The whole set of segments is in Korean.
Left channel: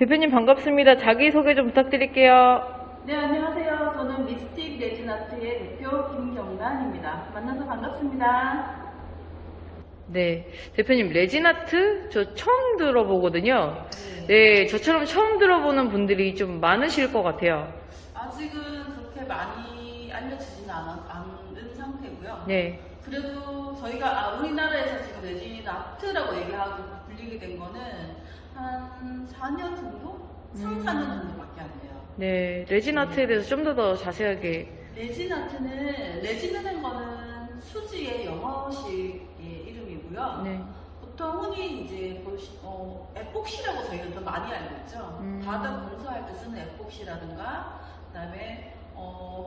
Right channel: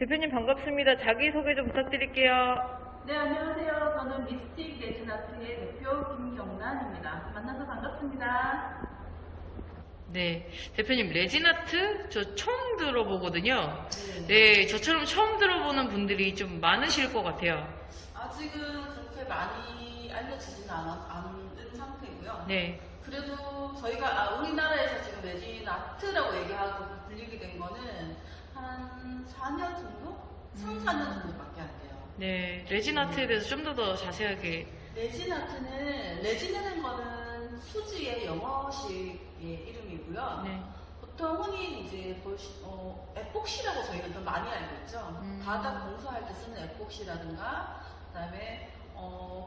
대표님 반갑습니다. 자기소개 좀 부탁드릴게요. 네, 안녕하세요. 저는 미스틱 레진아트의 대표 김경란입니다. 만나서 반갑습니다. 네, 대표님 레진아트 저 처음 들어보거든요. 네, 저처럼 처음 들어보는 분들이 좀 많으실 것 같아요. 아직은 그렇게 많이 알려지지는 않은 상태고요. 네, 그래도 저희가 우리나라에서 지금 레진아트라고 얘기하고 불리게 된 거는 한 4년 정도? 3, 4년 정도밖에 안 돼요. 네, 레진아트에 대해서 좀 더 자세하게. 레진이라는 거는 수지의 영어식의 이름이고요. 네, 보통 흔히 이제 에폭시라고 저희는 좀 많이 알고 있죠. 바닥 공사할 때 쓰는 에폭시라든가, 그다음에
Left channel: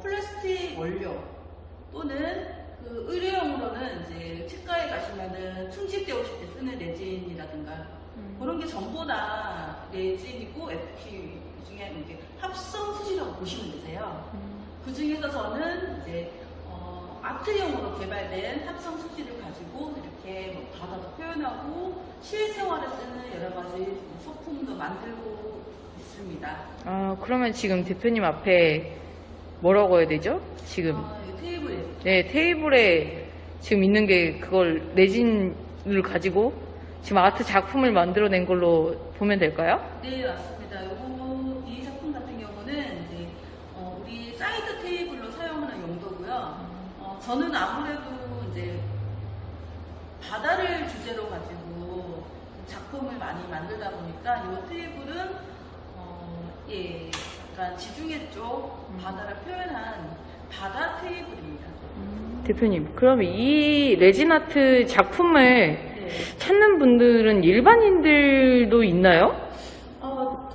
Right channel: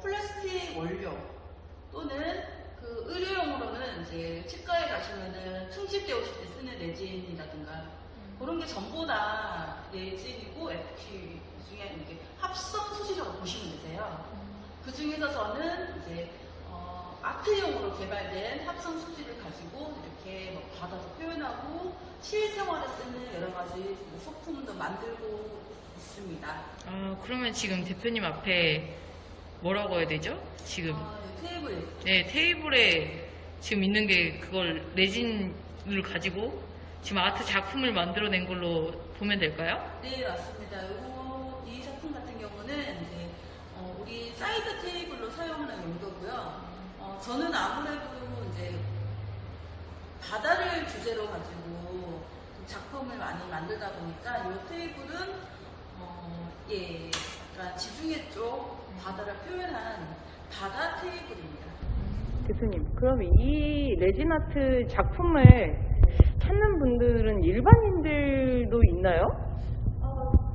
플라스틱 원료 또는 그 의료용으로는 이제 치과에 가시면은 충치 떼우실 때 쓰는 레진이라든가 그런 게 전부 다 레진이고 에폭시 중에 이제 합성 수지라고 보시면 되세요. 그 중에서 저는 이제 아트용으로 개발된 합성 수지를 가지고 이렇게 뭐 바다도 표현하고 실생활에 쓰는 여러 가지 소품도 만들고 있습니다. 아, 그러면 지금 대표님 앞에 뭐라고 해야 되죠? 지금. 이 테이블에. 네, 테이블에 지금 있는 게 그걸 레진을 가지고 지금 아트 작품을 만들어낸 걸로 보면 될까요? 네, 맞습니다. 이 작품 같은 경우는 이제 우리 사이드 테이블로 사용하는 용도고요. 저는 아무래도 이제 바다를 주제로 가지고 작품을 많이 만들다 보니까 이 테이블은 약간 지중해 쪽 바다를 표현한 바다 테이블입니다. 대표님, 그럼 이 레진아트 작품을 찾는 분들은 일반인들도 있나요?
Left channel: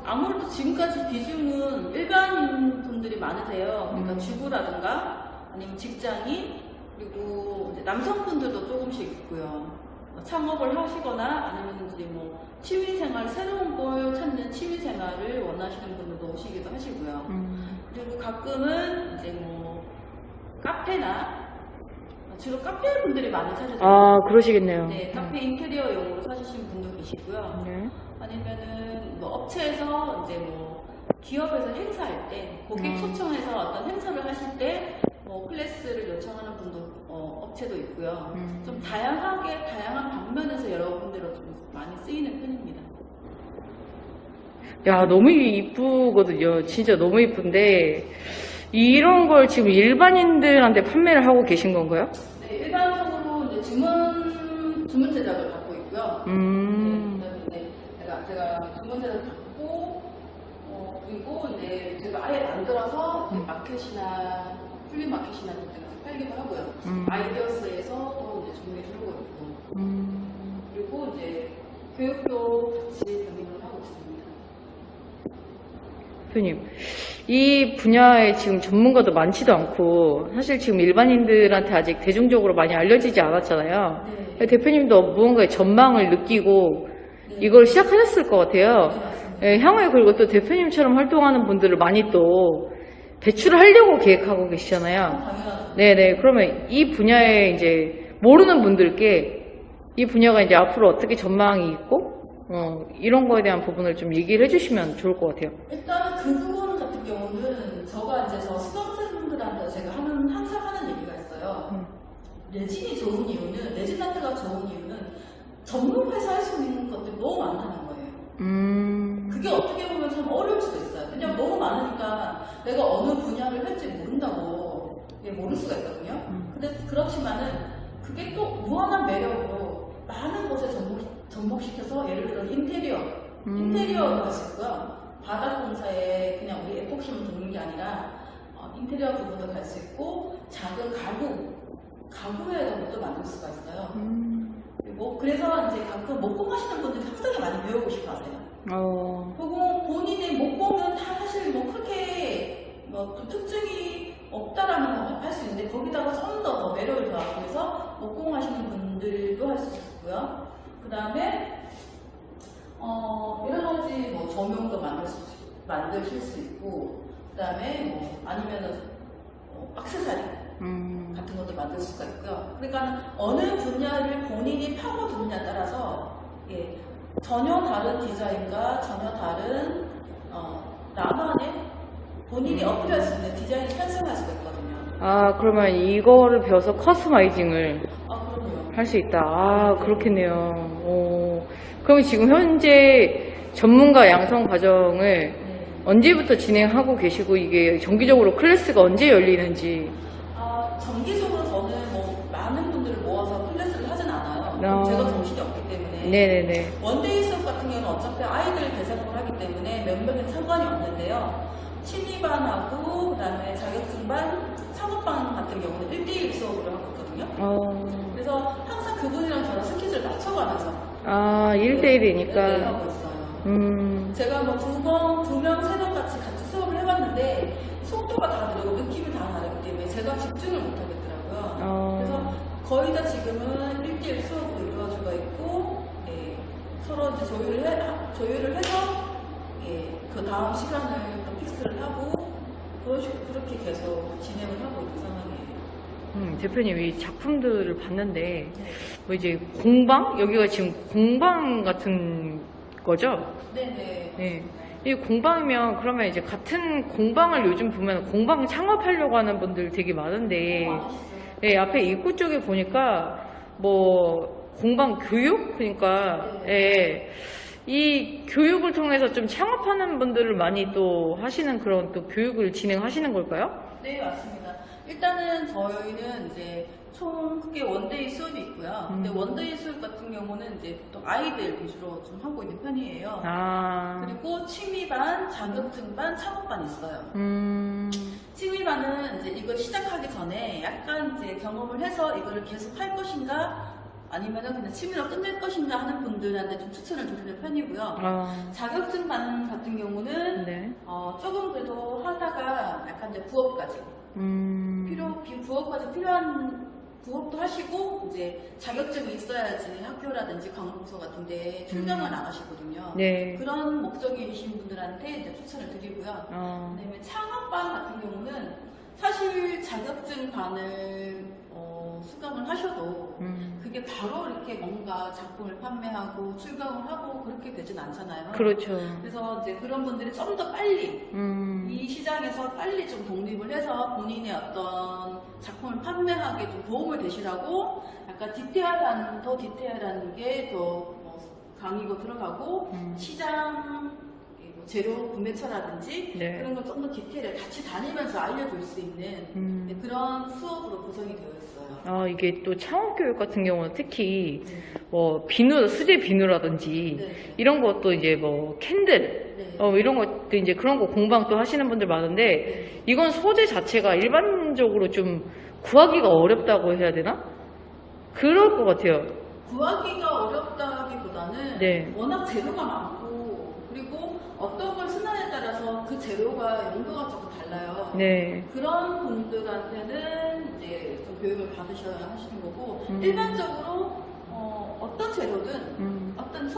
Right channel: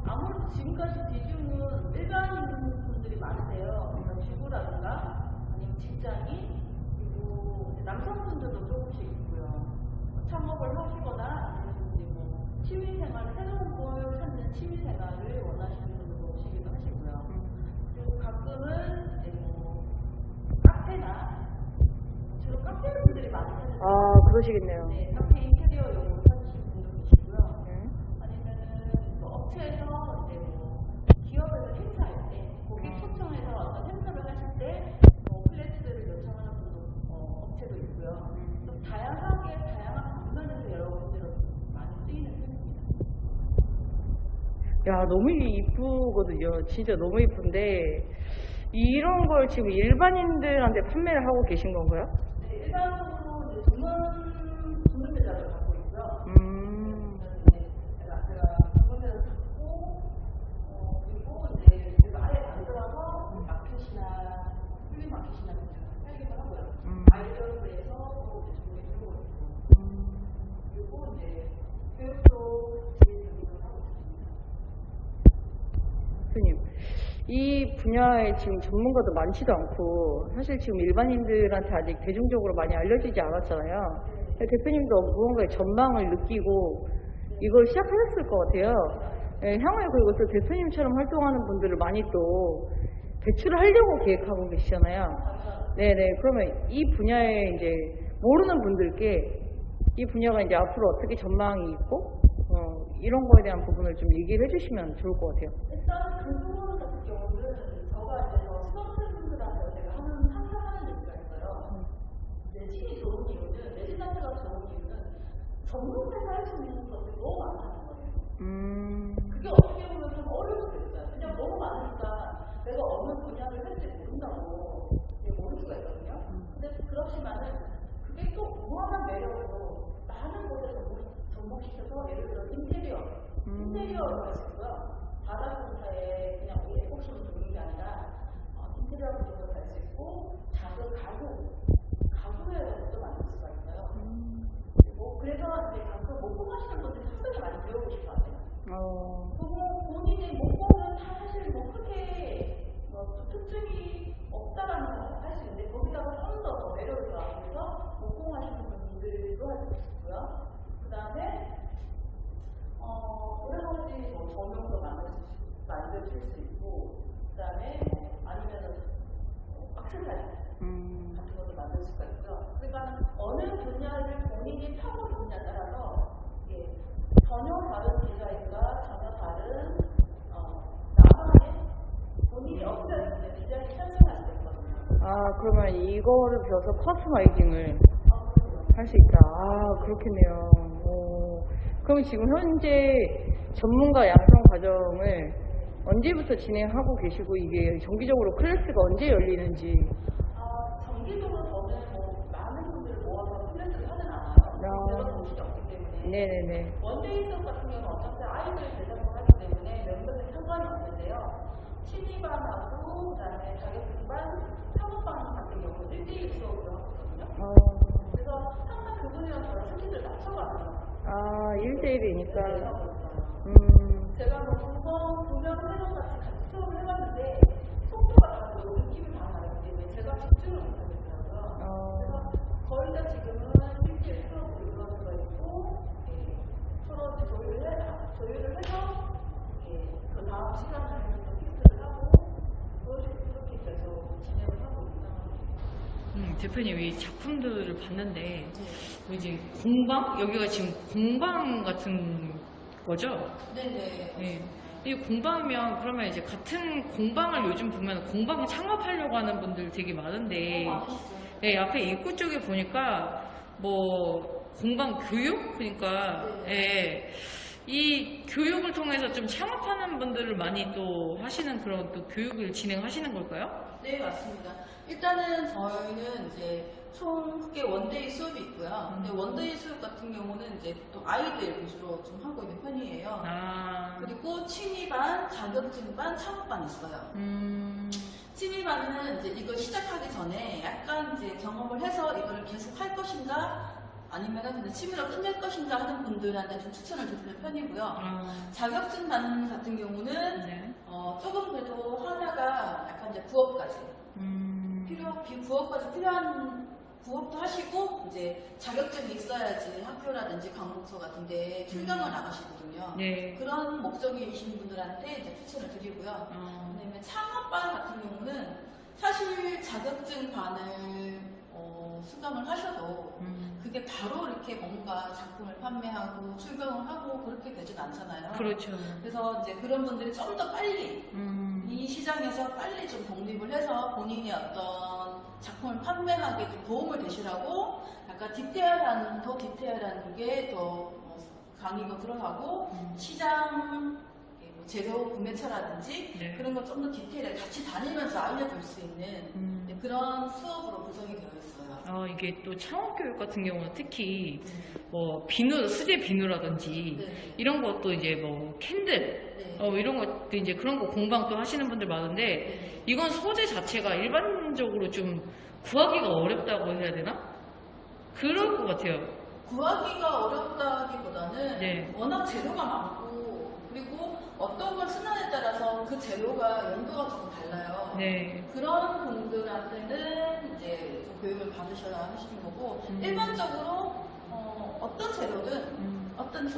아무래도 지금까지 비중은 일반인 분들이 많으세요. 그러니까 주부라든가 아니면 직장인 그리고 이제 남성분들도 조금씩 있고요. 창업을 하시거나 아니면 이제 뭐 취미생활 새로운 걸 찾는 취미생활을 원하시는 분들도 오시기도 하시고요. 그리고 가끔은 이제 뭐 카페나 주로 카페 분들이 많이 사시죠. 아, 그러시겠네요. 네, 카페 인테리어용으로 사주시는 분도 계시고요. 네. 아니면은 뭐 업체에서 이제 뭐 기업에서 행사할 때 고객 초청해서 어떤 행사를 하실 때 뭐 클래스를 요청하는 분도 업체도 있고요. 좀 다양한 방면에서 여러분들로 좀 많이 쓰이는 편입니다. 야, 너무 이쁘거든요. 진짜 너무 이쁜데 이런 걸 지금 일반인들한테 판매를 하고 계신 건가요? 네, 일반적으로 이제 주문 제작을 받고 있고요. 네, 제가 주문 제작을 받고 그리고 이제 제가 아예 만들어서 마켓이나 플리마켓이나 이런 데 가서 팔기도 하고요. 아이디어스에서 또 이제 준비해주고 있고 그리고 이제 교육도 같이 병행을 하고 있습니다. 대표님, 이 분야에 지금 전문가도 많지도 않고 사실 지금 일반인들한테 아직 대중적으로 많이 알려지지 않았잖아요. 네. 대표님도 무언가의 전망을 느끼고 이걸 시작하셨을 것 같아요. 예, 향후에 그리고 또 대표님처럼 활동하는 분들을 많이 또 배출하려고 계획하고 계시잖아요. 당연하죠. 네네. 그러면 이 분야에 이제 모르는 분들께 이 분야가 이제 앞으로 어떻게 전망이 있고 이런 거에 대한 부분을 좀 얘기를 해주시면 좋을 것 같아요. 일단 그 부분 같은 경우는 저 수강생분들한테 제가 항상 하는 얘기가 있어요. 레진이 좋은 이유는, 레진 아트가 좋은 이유는 전문화해서 할 수 있는 것들이 너무 많다는 거예요. 그게 어떻게 보면 참 어려울 수도 있어요. 그냥 너무 많으니까 내가 어느 분야를 할지 모른다고 모를 수가 있거든요. 근데 그렇지만은 그게 또 무한한 매력으로 많은 곳에 접목시켜서 예를 들어 인테리어도 할 수 있고요. 바닥 공사에 그냥 우리 에폭시만 두는 게 아니라 인테리어 부분도 갈 수 있고 작은 가구의 것도 만들 수가 있어요. 그리고 그래서 이제 가끔 목공하시는 분들이 상당히 많이 배우고 싶어 하세요. 그리고 본인의 목공은 다 사실 뭐 그렇게 뭐 특징이 없다라는 거 할 수 있는데 거기다가 좀 더 매력을 더하기 위해서 목공하시는 분들도 할 수 있고요. 그 다음에 여러 가지 뭐 조명도 만드실 수 있고, 그 다음에 아니면은 액세서리 같은 것도 만들 수가 있고요. 그러니까 어느 분야를 본인이 파고드느냐에 따라서 전혀 다른 디자인과 전혀 다른 나만의 본인이 어필할 수 있는 디자인을 탄생할 수가 있거든요. 아, 그러면 이거를 배워서 커스터마이징을 그럼요. 할 수 있다. 아, 그렇겠네요. 그럼 지금 현재 전문가 양성 과정을 네. 언제부터 진행하고 계시고 이게 정기적으로 클래스가 언제 열리는지. 정기적으로 저는 뭐 많은 분들을 모아서 클래스를 하진 않아요. 제가 정신이 없기 때문에. 네네네. 원데이 수업 같은 경우는 어차피 아이들 대상으로 하기 때문에 몇 명은 상관이 없는데요. 취미반하고 그다음에 자격증반, 창업반 같은 경우는 1대1 수업으로 하거든요. 그래서 항상 그분이랑 저랑 스케줄을 맞춰가면서 1대1이니까. 하고 있어요. 제가 뭐 두 명, 세 명 같이 수업을 해봤는데 속도가 다르고 느낌이 다 다르기 때문에 제가 집중을 못 하겠더라고요. 그래서 거의 다 지금은 1대1 수업으로 이루어지고 있고, 서로 이제 조율을 해서 그 다음 시간을 또 픽스를 하고 그렇게 계속 진행을 하고 있는 상황이에요. 대표님 이 작품들을 봤는데 네. 뭐 이제 공방? 여기가 지금 공방 같은 거죠? 네네. 네. 이 공방이면 그러면 이제 같은 공방을 요즘 보면 공방 창업하려고 하는 분들 되게 많은데 네, 앞에 입구 쪽에 보니까 뭐 공방 교육? 그러니까 이 교육을 통해서 좀 창업하는 분들을 많이 또 하시는 그런 또 교육을 진행하시는 걸까요? 네, 맞습니다. 일단은 저희는 이제 총 크게 원데이 수업이 있고요. 근데 원데이 수업 같은 경우는 이제 보통 아이들 위주로 좀 하고 있는 편이에요. 그리고 취미반, 자격증반, 창업반 있어요. 취미반은 이제 이걸 시작하기 전에 약간 이제 경험을 해서 이거를 계속 할 것인가 아니면은 그냥 취미로 끝낼 것인가 하는 분들한테 좀 추천을 드리는 편이고요. 자격증반 같은 경우는 조금 그래도 하다가 약간 이제 부업까지 부업까지 필요한 부업도 하시고 이제 자격증이 있어야지 학교라든지 관공서 같은데 출병을 나가시거든요. 네. 그런 목적이신 분들한테 이제 추천을 드리고요. 그다음에 창업반 같은 경우는 사실 자격증반을 수강을 하셔도 그게 바로 이렇게 뭔가 작품을 판매하고 출강을 하고 그렇게 되진 않잖아요. 그렇죠. 그래서 이제 그런 분들이 좀 더 빨리 이 시장에서 빨리 좀 독립을 해서 본인의 어떤 작품을 판매하기에 좀 도움을 되시라고 약간 더 디테일한 게 더 강의고 들어가고 시장 재료 구매처라든지 그런 걸 좀 더 디테일에 같이 다니면서 알려줄 수 있는 그런 수업으로 구성이 되어 있어요. 이게 또 창업교육 같은 경우는 특히 뭐 비누, 수제 비누라든지 이런 것도 이제 뭐 캔들 이런 것도 이제 그런 거 공방 또 하시는 분들 많은데 이건 소재 자체가 일반적으로 좀 구하기가 어렵다고 해야 되나? 그럴 것 같아요. 구하기가 어렵다기보다는 워낙 재료가 많고 그리고 어떤 걸 쓰냐에 따라서 그 재료가 용도가 조금 달라요. 그런 분들한테는 이제 좀 교육을 받으셔야 하시는 거고 일반적으로 어떤 재료든 어떤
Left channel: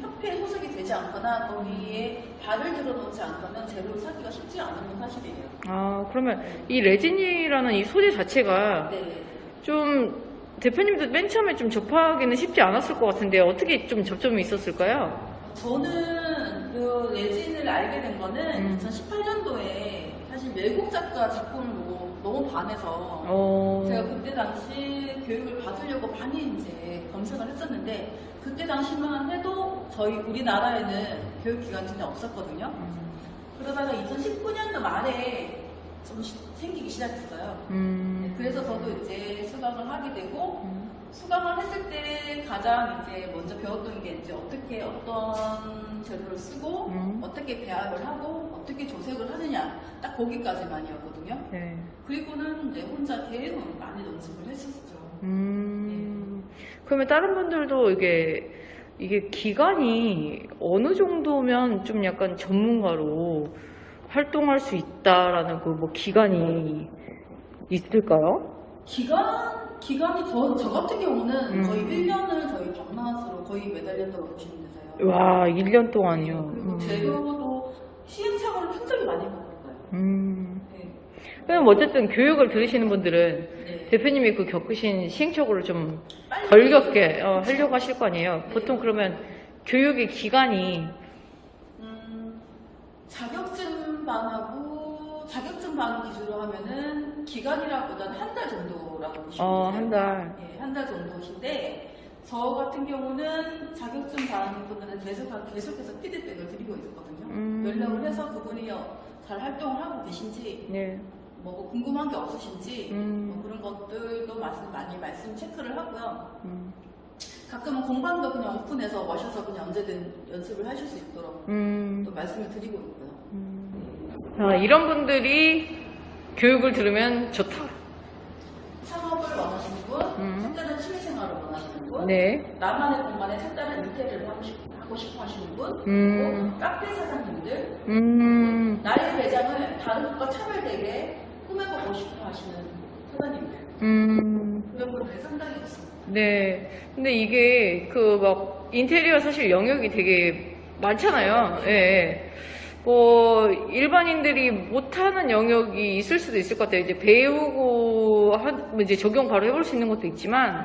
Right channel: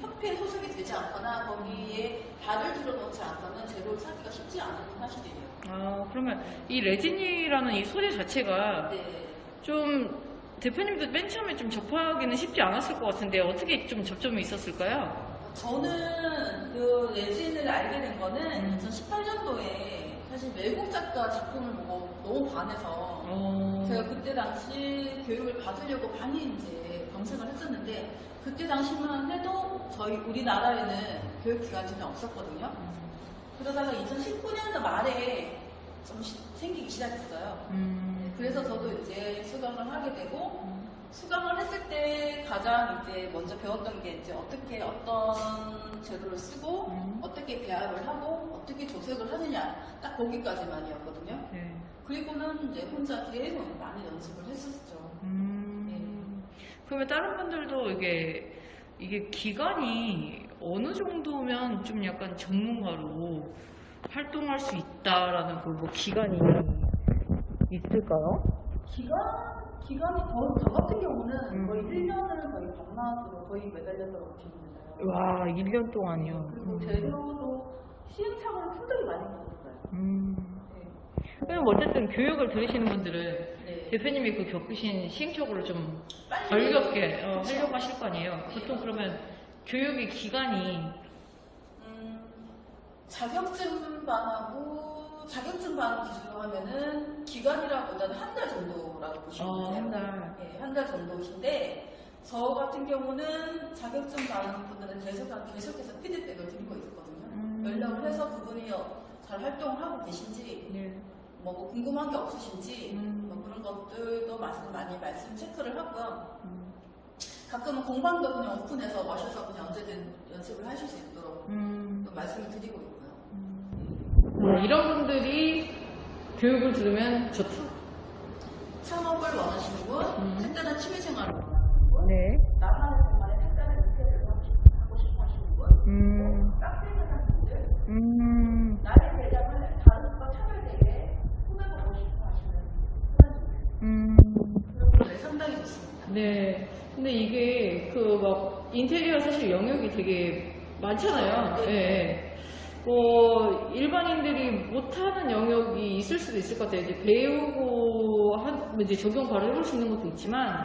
협회에 소속이 되지 않거나 거기에 발을 들어놓지 않거나 재료를 사기가 쉽지 않은 건 사실이에요. 그러면 이 레진이라는 이 소재 자체가 좀 대표님도 맨 처음에 좀 접하기는 쉽지 않았을 것 같은데 어떻게 좀 접점이 있었을까요? 저는 그 레진을 알게 된 거는 2018년도에 사실 외국 작가 작품을 보고 너무 반해서 제가 그때 당시 교육을 받으려고 많이 이제 검색을 했었는데 그때 당시만 해도 우리나라에는 교육기관이 전혀 없었거든요. 그러다가 2019년도 말에 좀 생기기 시작했어요. 그래서 저도 이제 수강을 하게 되고 수강을 했을 때 가장 이제 먼저 배웠던 게 이제 어떻게 어떤 재료를 쓰고 어떻게 배합을 하고 어떻게 조색을 하느냐 딱 거기까지만이었거든요. 그리고는 이제 혼자 계속 많이 연습을 했었죠. 그러면 다른 분들도 이게 기간이 어느 정도면 좀 약간 전문가로 활동할 수 있다라는 그 뭐 기간이 있을까요? 기간이 저 같은 경우는 거의 1년을 저희 박람회로 거의 매달렸다고 보시면 되세요. 와, 1년 동안요. 그리고 재료도 시행착오를 굉장히 많이 받았어요. 그럼 어쨌든 교육을 들으시는 분들은 네. 대표님이 그 겪으신 시행착오를 좀 빨리 덜 겪게 하려고 하실 거 아니에요. 보통 그러면 교육의 기간이 자격증 반 기준으로 하면은 기간이라기보다는 한 달 정도라고 보시면 돼요. 한 달. 예, 한 달 정도신데 저 같은 경우는 자격증 반 분들은 계속해서 피드백을 드리고 있거든요. 연락을 해서 그분이 잘 활동을 하고 계신지 네. 뭐 궁금한 게 없으신지 음. 뭐 그런 것들도 많이 말씀 체크를 하고요. 가끔은 공방도 그냥 오픈해서 오셔서 그냥 언제든 연습을 하실 수 있도록 또 말씀을 드리고 있고요. 이런 분들이 교육을 들으면 좋다. 창업을 원하시는 분, 색다른 취미생활을 원하시는 분, 네. 나만의 공간에 색다른 인테리어를 하고 싶어 하시는 분, 그리고 카페 사장님들, 나의 매장을 다른 곳과 차별되게 꾸며보고 싶어 하시는 사장님들, 그런 분들이 상당히 좋습니다. 네. 근데 이게 그 막 인테리어 사실 영역이 되게 많잖아요. 예. 네. 뭐 일반인들이 못하는 영역이 있을 수도 있을 것 같아요. 이제 배우고 이제 적용 바로 해볼 수 있는 것도 있지만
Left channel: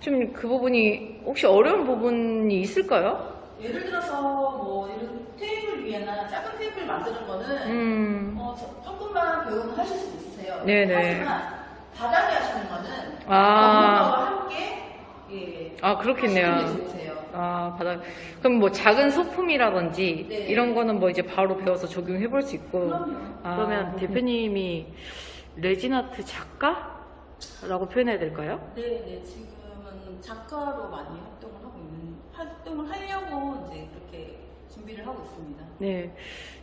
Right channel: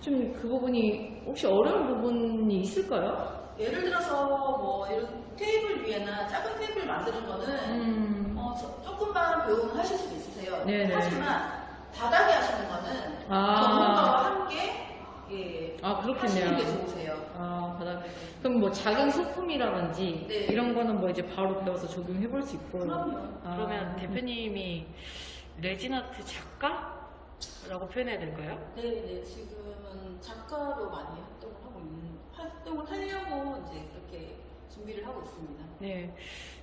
좀 그 부분이 혹시 어려운 부분이 있을까요? 예를 들어서 뭐 이런 테이블 위에나 작은 테이블 만드는 거는 조금만 배우면 하실 수도 있으세요. 네네. 하지만 바닥에 하시는 거는 전문가와 함께 그렇겠네요. 하시는 게 좋으세요. 바닥. 그럼 뭐 작은 소품이라든지 네. 이런 거는 뭐 이제 바로 배워서 적용해 볼 수 있고. 그럼요. 그러면 대표님이 레진아트 작가라고 표현해야 될까요? 네, 지금은 작가로 많이 활동을 하려고 이제 그렇게 준비를 하고 있습니다. 네.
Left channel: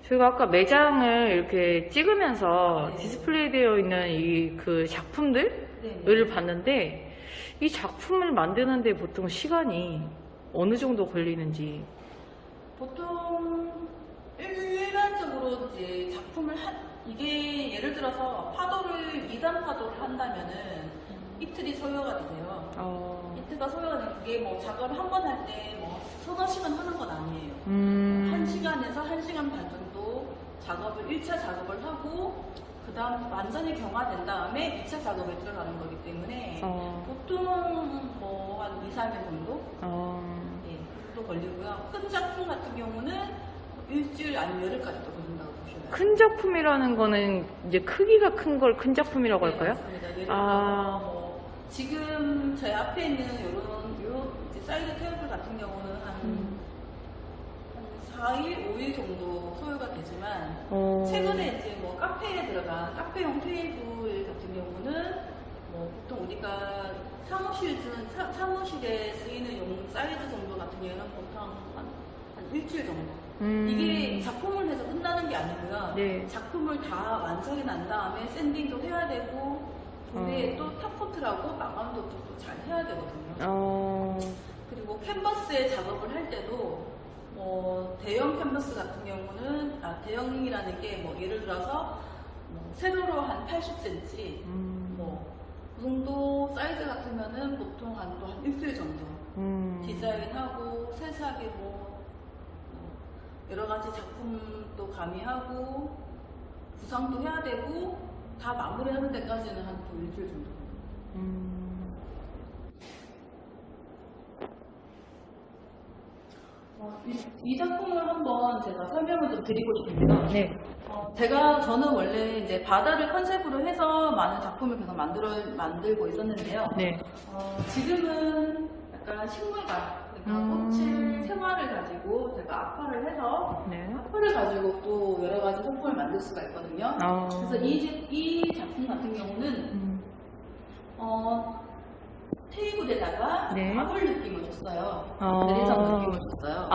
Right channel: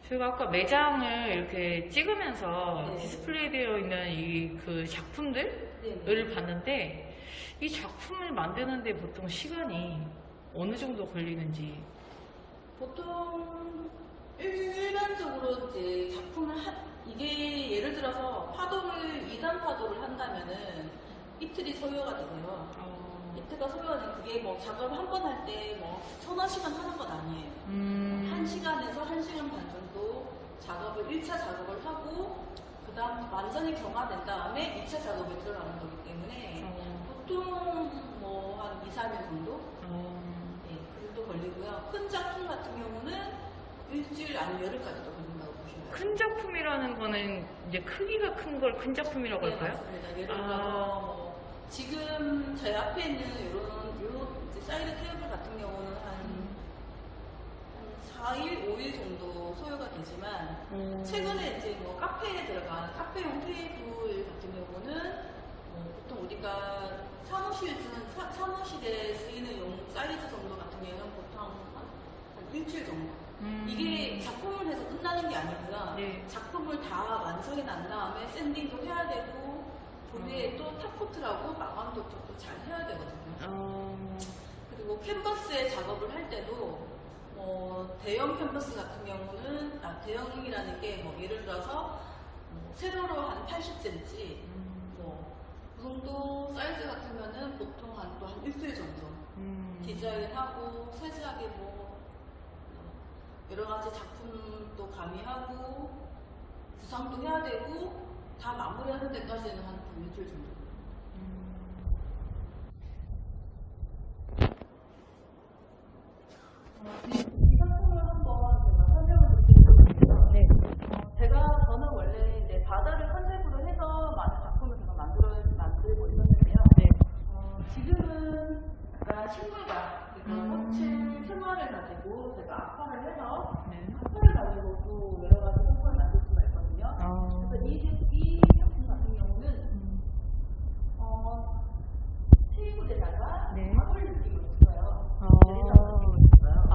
저희가 아까 매장을 이렇게 찍으면서 네. 디스플레이 되어 있는 이 그 작품들을 봤는데 이 작품을 만드는데 보통 시간이 어느 정도 걸리는지. 보통 일반적으로 이제 작품을 이게 예를 들어서 2단 파도를 한다면은 이틀이 소요가 되세요. 이틀가 소요가 되면 그게 뭐 작업을 한 번 할 때 뭐 서너 시간 하는 건 아니에요. 1시간에서 1시간 반 정도 1차 작업을 하고 그 다음 완전히 경화된 다음에 2차 작업에 들어가는 거기 때문에 보통 뭐 한 2, 3일 정도? 예, 그 정도 걸리고요. 큰 작품 같은 경우는 일주일 아니면 열흘까지도 걸린다고 보셔야 돼요. 큰 작품이라는 거는 이제 크기가 큰 걸 큰 작품이라고 할까요? 네, 맞습니다. 예를 들어서 뭐 지금 제 앞에 있는 요 이제 사이드 테이블 같은 경우는 한 4일, 5일 정도 소요가 되지만 최근에 이제 뭐 카페에 들어간 카페용 테이블 같은 경우는 뭐 보통 우리가 사무실에 쓰이는 용 사이즈 정도 같은 경우는 보통 한 일주일 정도. 이게 작품을 해서 끝나는 게 아니고요. 네. 작품을 다 완성이 난 다음에 샌딩도 해야 되고 그 위에 또 탑코트라고 마감도 또 잘 해야 되거든요. 그리고 캔버스에 작업을 할 때도 대형 캔버스 같은 경우는 대형이라는 게 뭐 예를 들어서 세로로 한 80cm 그 정도 사이즈 같으면은 보통 한 일주일 정도 디자인하고 세세하게 여러 가지 작품도 가미하고 구상도 해야 되고 다 마무리하는 데까지는 한 일주일 정도. 이 작품을 한번 제가 설명을 좀 드리고 싶습니다. 네. 저는 원래 이제 바다를 컨셉으로 해서 많은 작품을 계속 만들고 있었는데요. 네. 지금은 약간 식물관, 그러니까 꽃을 생화를 가지고 제가 악화를 해서 악화를 가지고 또 여러 가지 소품을 만들 수가 있거든요. 그래서 이 작품 같은 경우는 테이블에다가 마블 느낌을 줬어요. 대리석 느낌을 줬어요.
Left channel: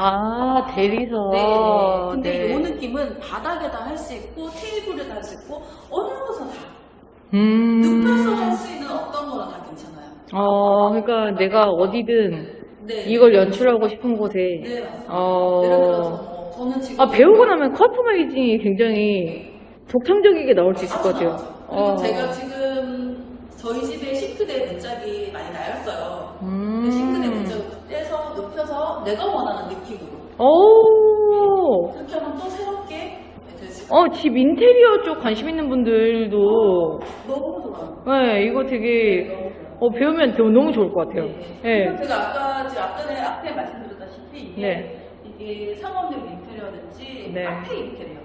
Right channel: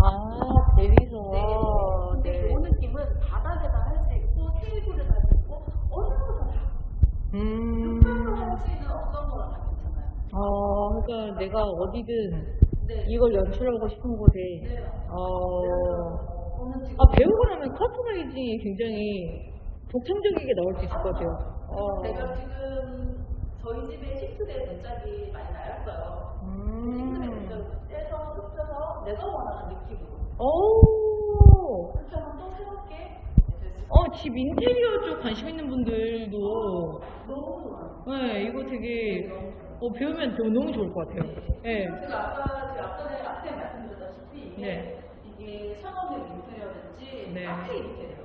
대리석. 네. 근데 이 느낌은 바닥에다 할 수 있고 테이블에다 할 수 있고 어느 곳에서 다 눕혀서 할 수 있는 어떤 거나 다 괜찮아요. 그러니까 내가 어디든 네. 이걸 연출하고 싶은 곳에. 네, 맞습니다. 예를 들어서 저는 지금 배우고 나면 커스터마이징이 굉장히 독창적이게 나올 수 있을 것 같아요. 그리고 제가 지금 저희 집에 싱크대 문짝이 많이 나였어요. 근데 싱크대 문짝을 떼서 눕혀서 내가 원하는 느낌으로 그렇게 하면 또 새롭게 될 수 집 인테리어 쪽 관심 있는 분들도 너무 좋아요. 네, 이거 되게 배우면 너무 좋을 것 같아요. 네. 그래서 제가 아까 제 앞에 말씀드렸다시피 이게 상업용 인테리어든지 네. 카페 인테리어,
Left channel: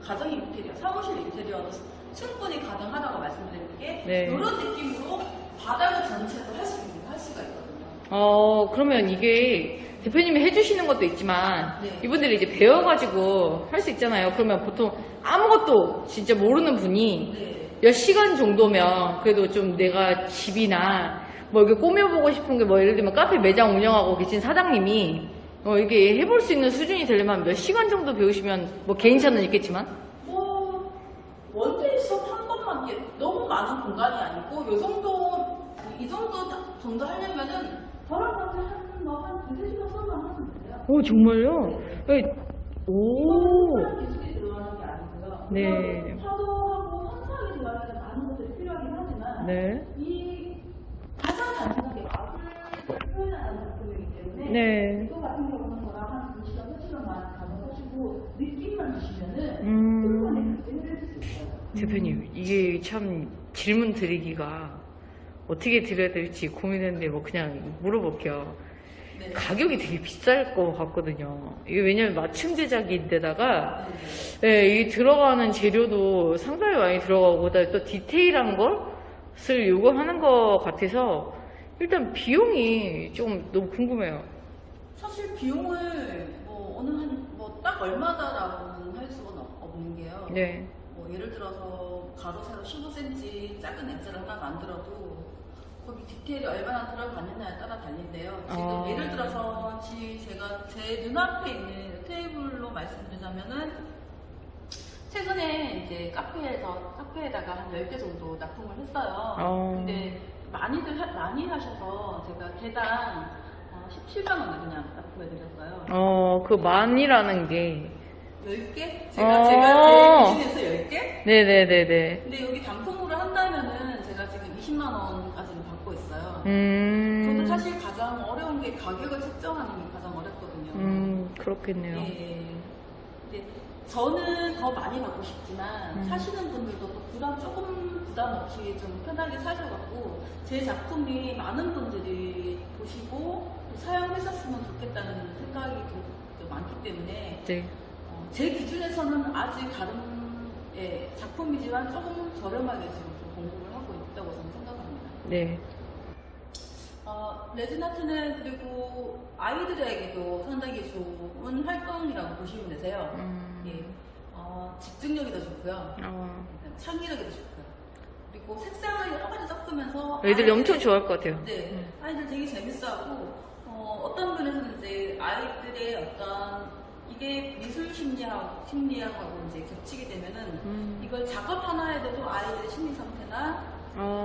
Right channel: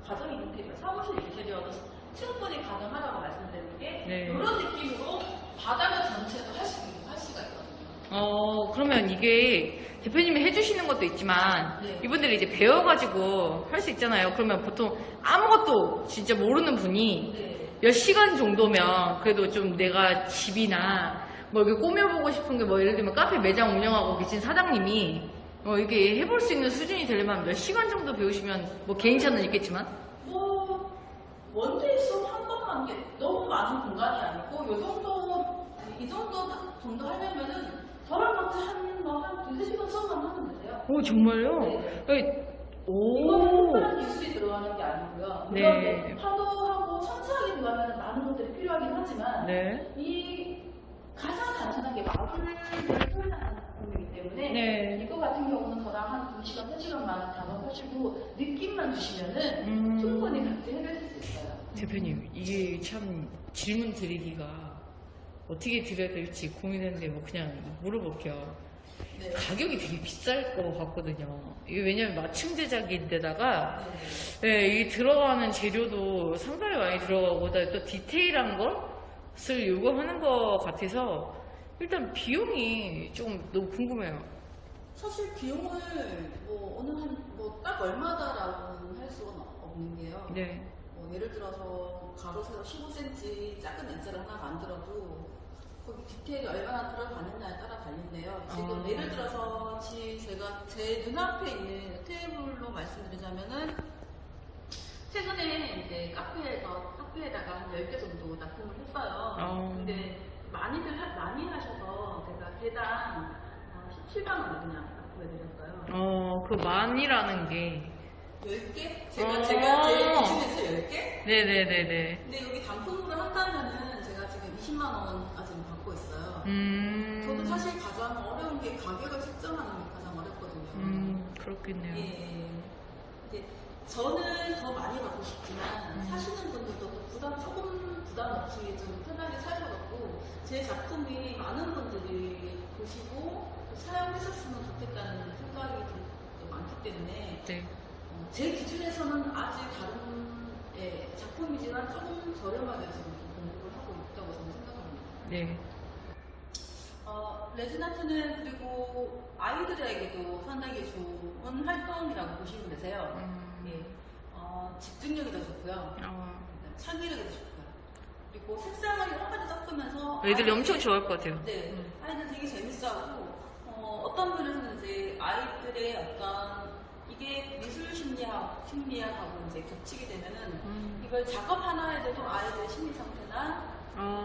가정 인테리어, 사무실 인테리어도 충분히 가능하다고 말씀드리는 게 네. 이런 느낌으로 바닥을 전체도 할 수가 있거든요. 그러면 이게 대표님이 해주시는 것도 있지만 네. 이분들이 이제 배워가지고 할 수 있잖아요. 그러면 보통 아무것도 진짜 모르는 분이 네. 몇 시간 정도면 그래도 좀 내가 집이나 뭐 이렇게 꾸며보고 싶은 게 뭐 예를 들면 카페 매장 운영하고 계신 사장님이 이게 해볼 수 있는 수준이 되려면 몇 시간 정도 배우시면 뭐 개인차는 있겠지만 뭐 원데이 수업 한 번만 이게 너무 많은 공간이 아니고 이 정도 하려면은 저랑 같이 한 2-3시간 수업만 하면 되세요. 오 정말요? 네. 이거는 특별한 기술이 들어가는 게 아니고요. 네. 물론 파도하고 천사하게 들어가는 많은 것들이 필요하긴 하지만 네. 이 가장 단순하게 마블을 표현하는 작품이기 때문에 네. 이거 같은 경우는 저랑 한 2시간, 3시간만 작업하시고 느낌만 주시면은 충분히 같이 해드릴 수 있어요. 대표님 이게 참 질문 드리기가 어떻게 드려야 될지 고민했는데 뭐 그냥 물어볼게요. 네. 가격이 되게 비쌀 것 같거든요. 이게 왜냐면 맞춤 제작인데다가 이 들어가는 재료도 상당히 많이 들어가고 그다음에 또 디테일한 것을 요구하는 것 같아서 일단 비용이 좀 너무 궁금해요. 사실 비용을 딱 얼마다라고는 할 수는 없는 게요. 네. 예를 들어서 가로 세로 15cm 작은 렌즈를 하나 만들어도 거기 디테일이 얼마나 들어가느냐에 따라 달린데요. 지금 예를 들어서 제가 제 눈앞에 있는 테이블로 말씀드리자면은 최근에 이제 카페에다가 한 10개 정도 납품을 했어요. 근데 많이 하셔서 제가 개당 17만 원에 그냥 납품해 드렸어요. 그 만이라는 게 10개? 제가 제 기준에서 10개? 네네네네. 근데 여기 단품으로 한다면은 제가 지금 20만 원까지는 받고 있어요. 저도 사실 가장 어려운 게 가격을 책정하는 게 가장 어렵거든요. 그렇겠네요. 예. 근데 저는 더 많이 받고 싶지만 사시는 분들도 또 조금 부담 없이 좀 편하게 사셔갖고 제 작품이 많은 분들이 보시고 또 사용하셨으면 좋겠다는 생각이 좀 많기 때문에 네. 제 기준에서는 아직 다른 작품이지만 조금 저렴하게 지금 좀 공급을 하고 있다고 저는 생각합니다. 네. 레진아트는 그리고 아이들에게도 상당히 좋은 활동이라고 보시면 되세요. 예. 집중력이 더 좋고요. 창의력이 더 좋고요. 그리고 색상을 여러 가지 섞으면서 애들이 엄청 좋아할 것 같아요. 네, 아이들 되게 재밌어하고 어떤 분에서는 이제 아이들의 이게 미술 심리학하고 이제 겹치게 되면은 이걸 작업 하나 해도 아이들의 심리 상태나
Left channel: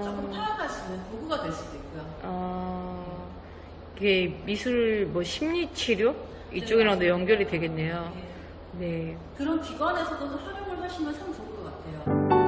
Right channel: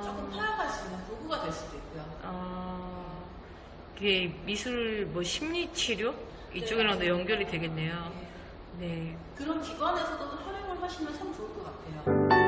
조금 파악할 수 있는 도구가 될 수도 있고요. 이게 미술 심리 치료 이쪽이랑도 연결이 되겠네요. 네. 네. 그런 기관에서도 활용을 하시면 참 좋을 것 같아요.